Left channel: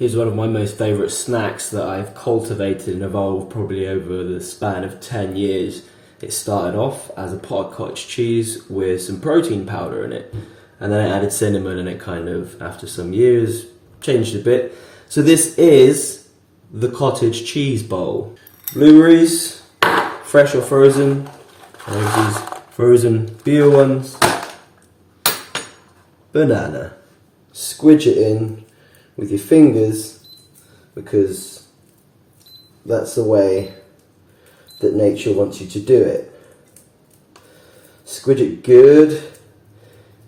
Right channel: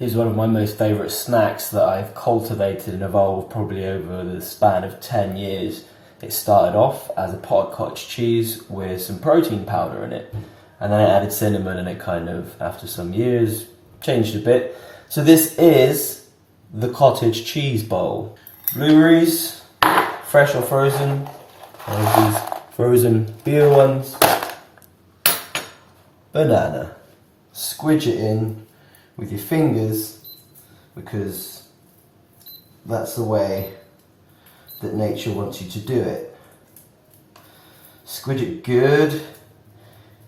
Here's one of my most favourite snacks that I've cultivated and evolved probably over the span of 10 years. It started off as a pot of cottage cheese with some protein powder in it. And then I added cinnamon and it kind of, after some years, changed a bit. So this is the cottage cheese bowl. Blueberries, fresh or frozen. I have these frozen beer ones. Banana. Squidge it in with your fingers because that's the way that nature wants you to do it. Squidge it good.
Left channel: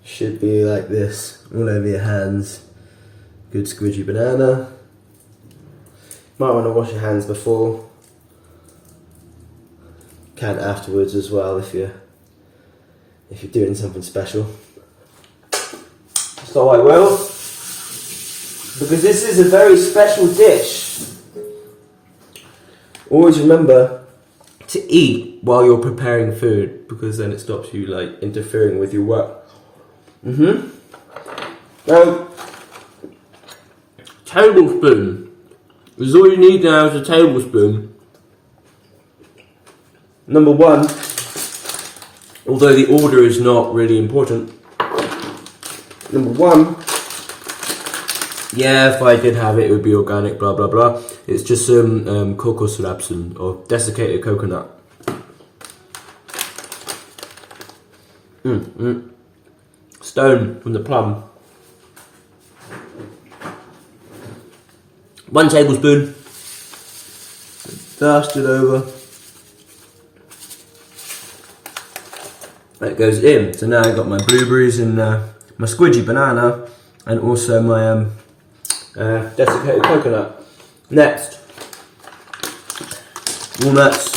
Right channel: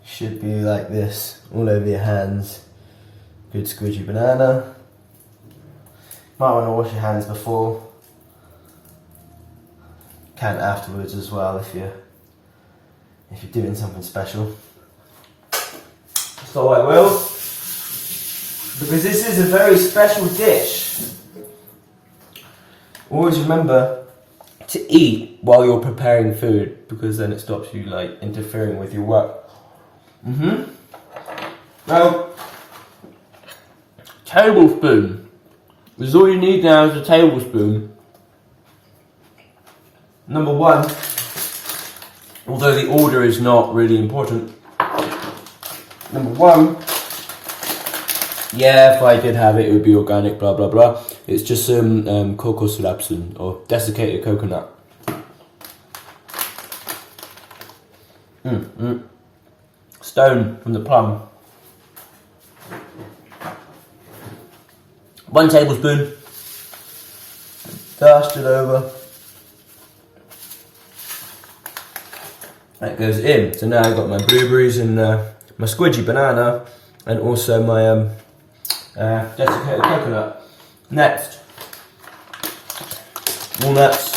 Should be like this all over your hands. Good squidgy banana. Might want to wash your hands before. Can afterwards as well if you're doing something special. So I will, because this is a very special dish. Always remember to eat while you're preparing food, because then it stops you like interfering with your work. Now, tablespoon. This is all you need now is a tablespoon. Number one, although the order is not really important. Number one, yeah, if I did have it, it would be organic, blah, blah, blah. It's just some kokosrapsun, or desiccated coconut. Stone from the plum. 1 tablespoon. Dust it over. That goes in. So now I've got my blueberries and my squidgy banana, and also my desiccated coconut. Next, walnuts,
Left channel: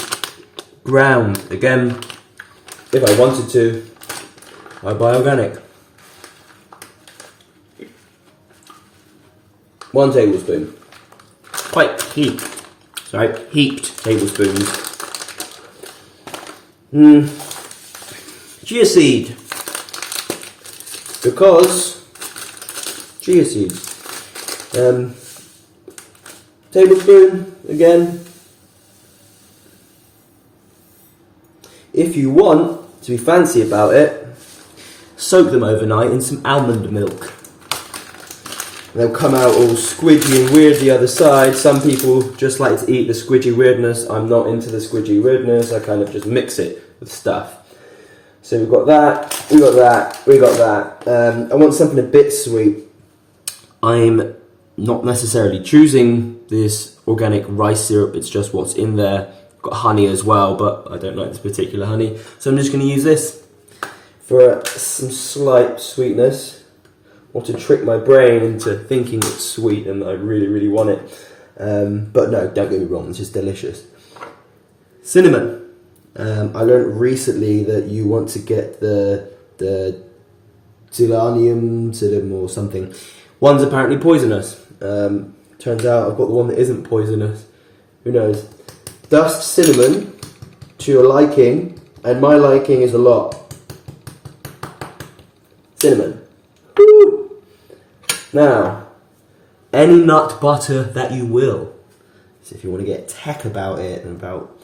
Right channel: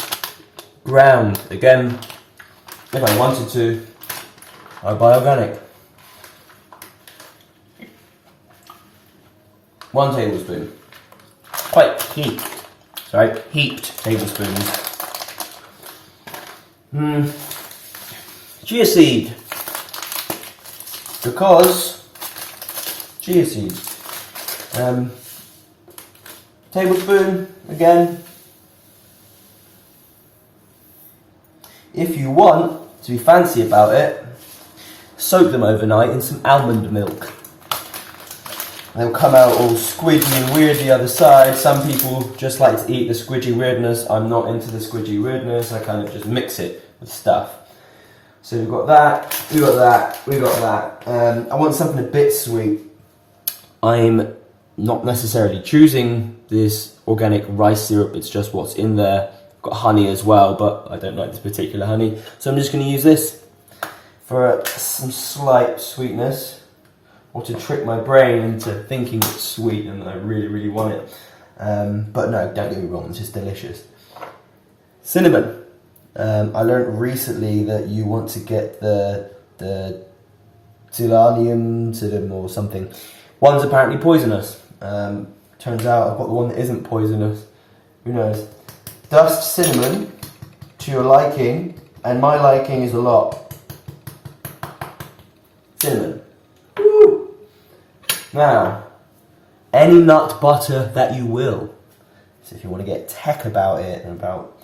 ground. Again, if I wanted to, I'd buy organic. 1 tablespoon. Quite heaped. Sorry, heaped tablespoons. Chia seed. Because chia seeds. Tablespoon again. If you want to be fancy about it, soak them overnight in some almond milk. They'll come out all squidgy and weird the other side. Some people just like to eat the squidgy weirdness. I'm not into the squidgy weirdness. I kind of just mix it with stuff. So we've got that, we got that, we got that. I want something a bit sweet. I'm not necessarily choosing this organic rice syrup. It's just what's in there. I've got honey as well, but I don't like this particular honey. So I'm just going to use this for some slight sweetness, or to trick my brain into thinking it's sweet and I really, really want it. But no, don't get me wrong, it's just delicious. Cinnamon. I learned recently that you want to get the Tilanium or something. One's apparently poisonous. Turns out I've got the one that isn't poisonous. Who knows? Dust cinnamon to your liking, and my liking is a lot. Cinnamon. Woo! Now, any nut butter that you will. So if you want to get tech about it and about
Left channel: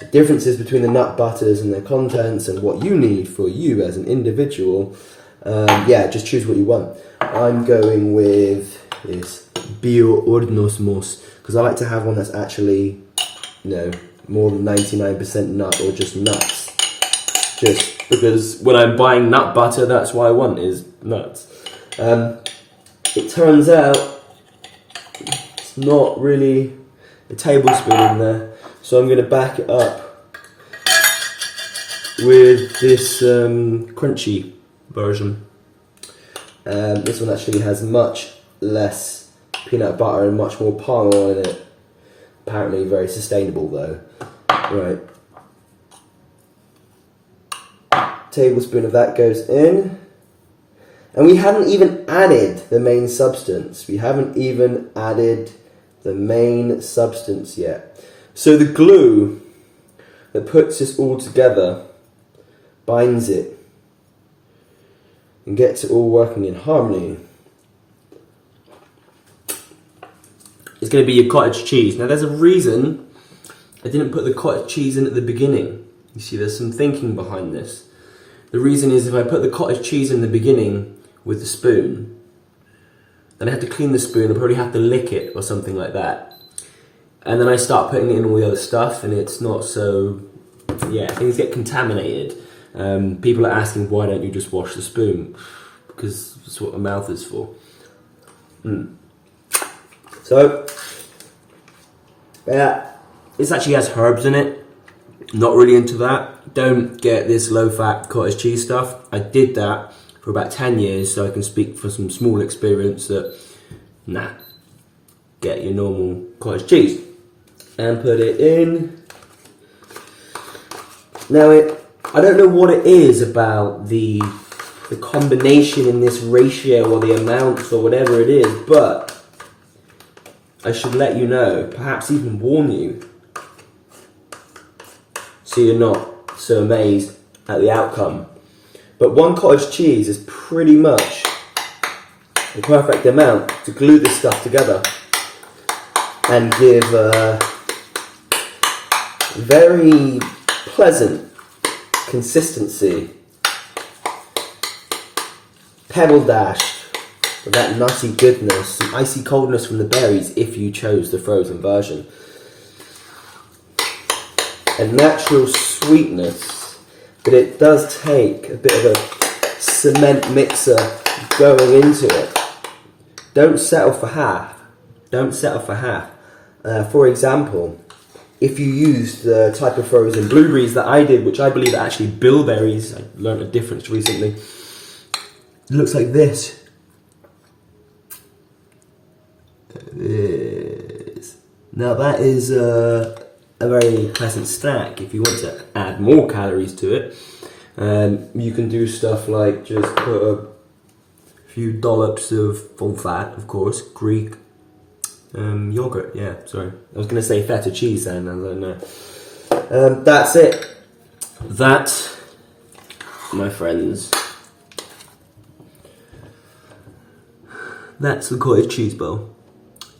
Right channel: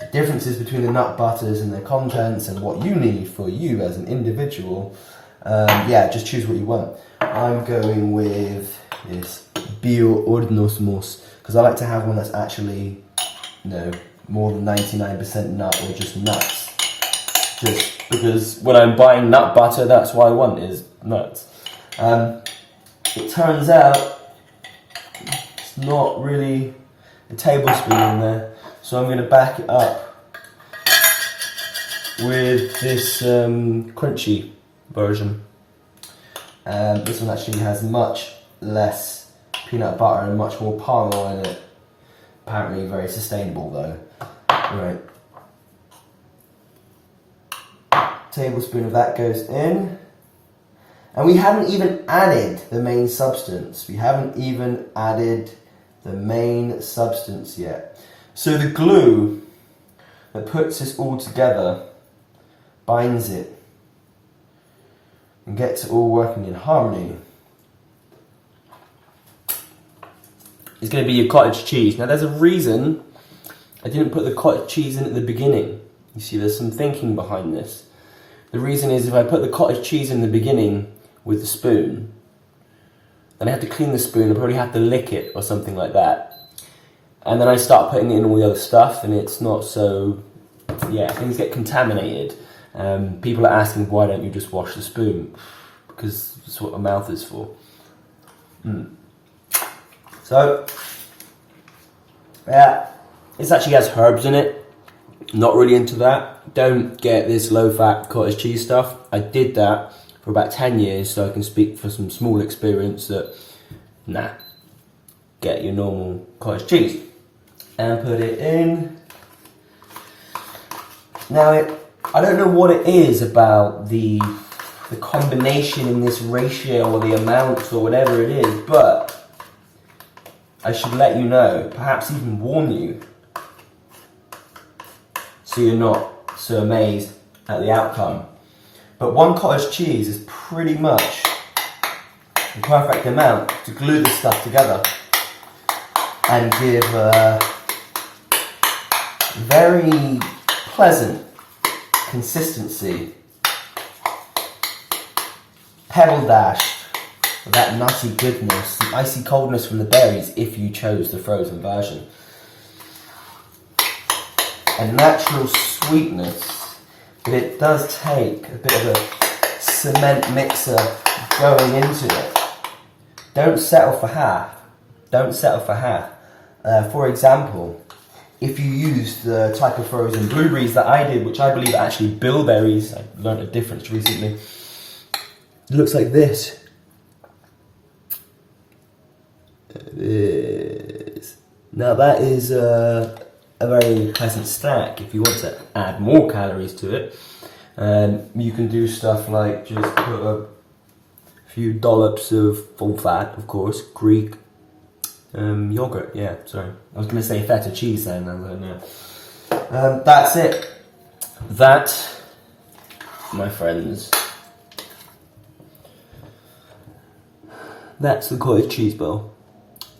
the differences between the nut butters and their contents and what you need for you as an individual, yeah, just choose what you want. I'm going with this Bio-Ordnungsmus because I like to have one that's actually, more than 99% nut or just nuts. Just because when I'm buying nut butter, that's what I want is nuts. It turns out it's not really a tablespoon in there, so I'm going to back it up with this crunchy version. This one actually has much less peanut butter and much more palm oil in it. Apparently very sustainable though. Right. Tablespoon of that goes in. And we haven't even added the main substance. We haven't even added the main substance yet. So the glue that puts this all together binds it and gets it all working in harmony is going to be your cottage cheese. Now there's a reason I didn't put the cottage cheese in at the beginning. You see, there's some thinking behind this. The reason is if I put the cottage cheese in the beginning with the spoon, then I have to clean the spoon, I probably have to lick it or something like that. And then I start putting in all the other stuff and it's not so, yeah, things get contaminated. People are asking, why don't you just wash the spoon? Because that's what my mouth is for. So, yeah, this actually has herbs in it. Not really into that. Don't get this low-fat cottage cheese stuff. I did that for about 10 years, so I can speak for some small experience that, nah, get your normal cottage cheese. And put it in. Now, I don't know what it is about the combination in this ratio or the amounts or whatever it is, but I should let you know, perhaps even warn you, so you're not so amazed at the outcome. But 1 cottage cheese is pretty much the perfect amount to glue this stuff together and give a very pleasant consistency. Pebble dashed with that nutty goodness, some icy coldness from the berries if you chose the frozen version. A natural sweetness, but it does take a bit of a cement mixer going into it. Don't settle for half. Don't settle for half. For example, if you use the type of frozen blueberries that I did, which I believe are actually bilberries, I learned a difference recently. It looks like this. Now that is a very pleasant snack. If you want to add more calories to it, you can do stuff like just put a few dollops of full fat, of course, Greek yogurt. Yeah, sorry, I was going to say feta cheese then. I don't know. That's it. That, my friends, that's the cottage cheese bowl.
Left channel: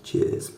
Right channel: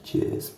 Cheers.